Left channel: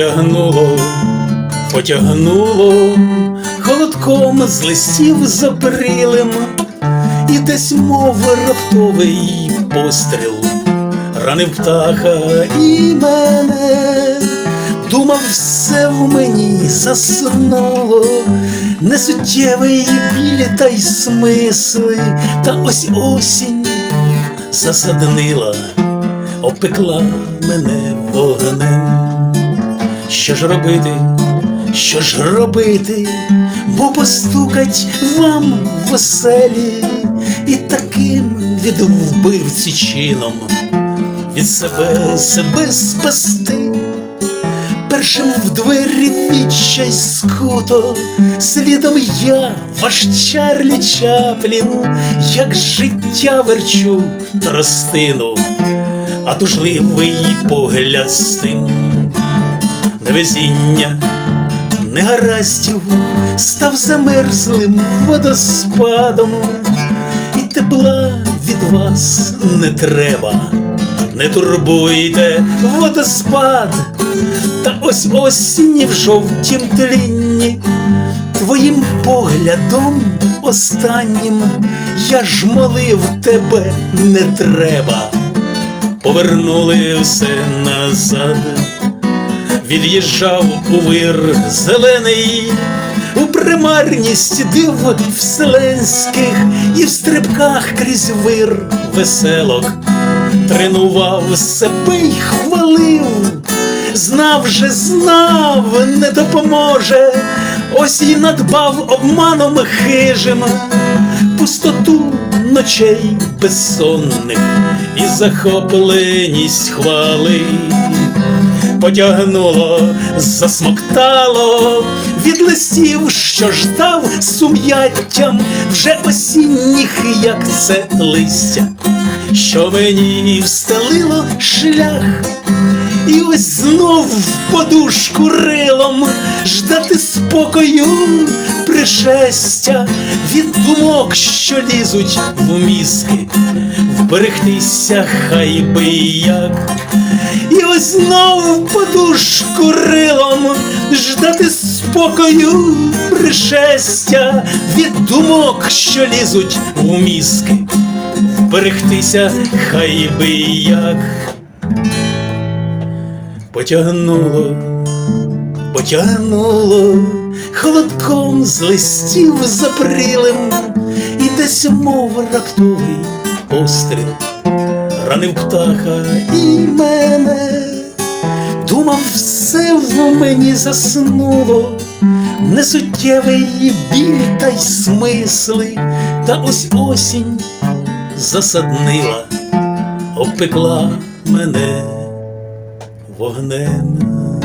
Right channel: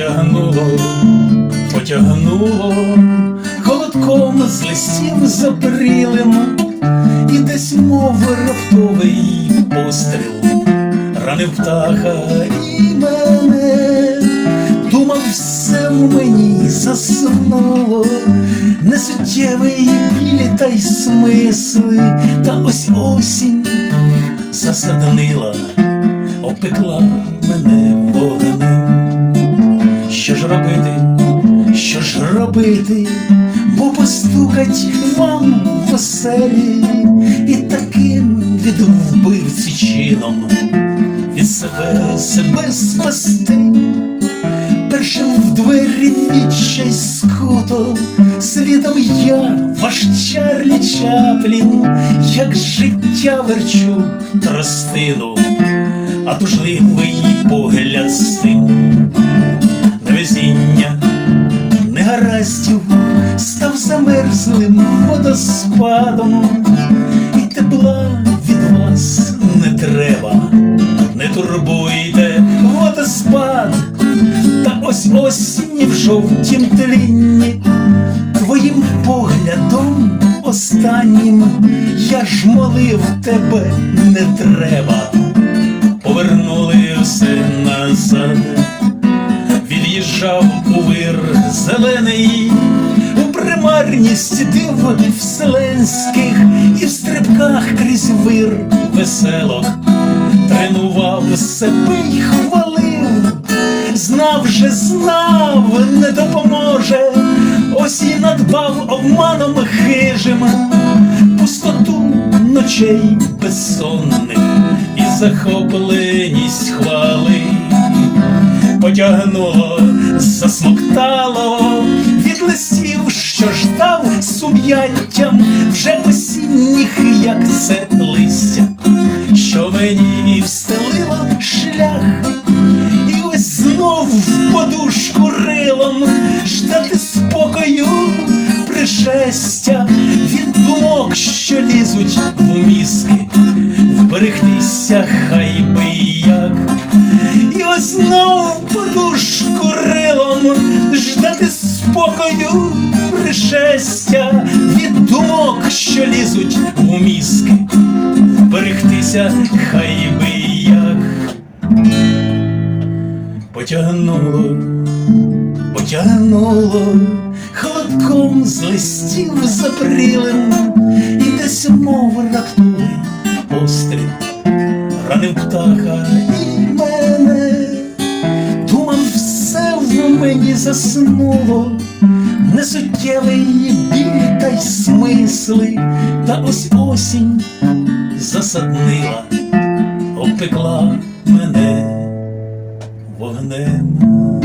Потягнуло, потягнуло холодком з листів запрілим, і десь мов раптовий постріл ранив птаха і мене, думав, все в мені заснуло, несуттєвий білі та й смисли, та ось осінь засаднила, опекла мене вогнем. Ж робити, що ж робити, бо постукать вам в оселі і таким від вбивці чином від себе себе спасти. Першим в двері відчай скуто, слідом я, ваш Чарлі Чаплін, як життя верчу тростину, а тужливий погляд стим невезіння, негараздів став замерзлим водоспадом, і тепла від вас не треба, не турбуйте водоспад, та ось осінь в жовтім тлінні, твоїм поглядом останнім я ж молив тебе не треба, повернули все назад від'їжджав у вир зелений, у примарність див вселенських і в стрибках крізь вир веселок, тренував себе й хвалив, знав же, знав, не допоможе, ось і надбав обманом хижим пустоту ночей безсонних і захопленість хвали потягнуло, засмоктало від листів, що ждав сум'яттям вже осінніх, як це листя, що мені встелило шлях, і ось знов в подушку рилом ждати спокою пришестя від думок, що лізуть в мізки, вберегтися хай би як. Спокою пришестя від думок, що лізуть в мізки, вберегтися хай би як. Потягнуло, потягнуло холодком з листів запрілим, і десь мов раптовий постріл ранив птаха все в мені заснуло, несуттєвий біль та й смисли, та ось осінь засаднила, обпекла мене вогнем.